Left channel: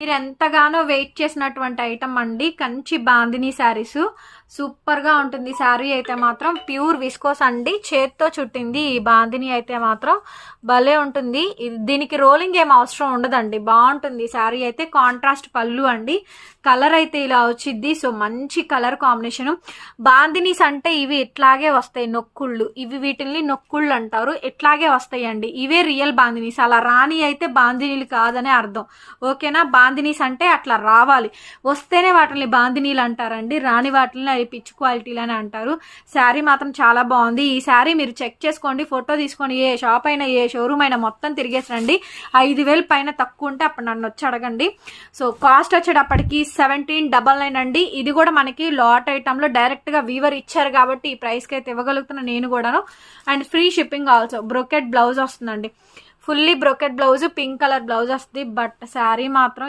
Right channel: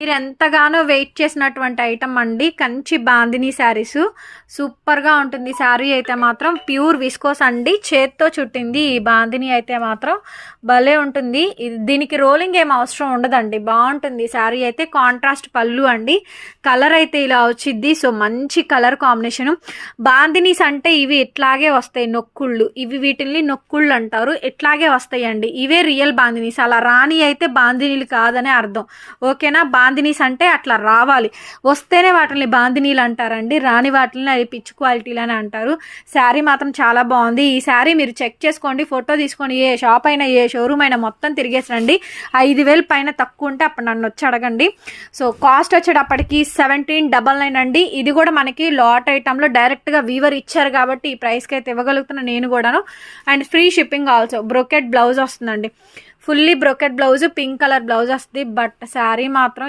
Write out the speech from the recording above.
మీరు ఎంతగానో వెయిట్ చేసినటువంటి ఐటమ్ అండి, కంచి బాందిని శారీస్. సూపర్గా ఉంటుంది శారీ అయితే మాత్రం. ప్యూర్ విస్కోస్ అండి, చేత్తో చుట్టింది ఈ బాందిని అయితే మాత్రం భలే ఉంటుంది. దీనికి రోలింగ్ ఏం అవసరం ఉండదండి, బాగుంటుంది శారీ అయితే. కాంట్రాస్ట్ పళ్ళు అండి, కలర్ అయితే ఇలా వచ్చింది. సో మంచి కలర్ కాంబినేషన్. బాందినీస్ అంటే ఇవి ఇట్లాగే వస్తాయి నొక్కుళ్ళు, ఇవి వీటిల్ని నొక్కుళ్ళు అంటారు, ఇట్లాగే వస్తాయండి. ఇవే రియల్ బాందినీస్. అలా రాని అయితే బాందినీలు కాదనే అర్థం, ఓకేనా. బాందినీస్ అంటే అట్లా రావాలి, వస్తేనే వాటిని బాందినీలు అంటారండి, రాని వాటిని అవి పిచ్ క్వాలిటీలు అని అంటారు. శారీ మాత్రం చాలా బాగుంది. ఈ శారీ మీరు చెక్ చేసుకోండి, ఫోటో తీసుకొని ఏ షాప్ అయినా ఏ షోరూమ్ అయినా మొత్తం తిరిగేసి రండి. 5,000 పైన తక్కువ ఉంటే అప్పుడు నన్ను వచ్చి అడగండి. సో కాస్ట్ వచ్చేటప్పటికి 1799 అండి. ఇది కూడా మనకి లాట్ ఐటమ్లో డైరెక్ట్గా వీవర్ ఇచ్చారు కాబట్టి ఈ ప్రైస్కి అయితే ఇవ్వగలుగుతున్నా నేను కూడాను. And free shipping also. Brocade blouse వస్తుందండి, fully brocade blouse, pink colour blouse వస్తుంది. బట్ శారీ మాత్రం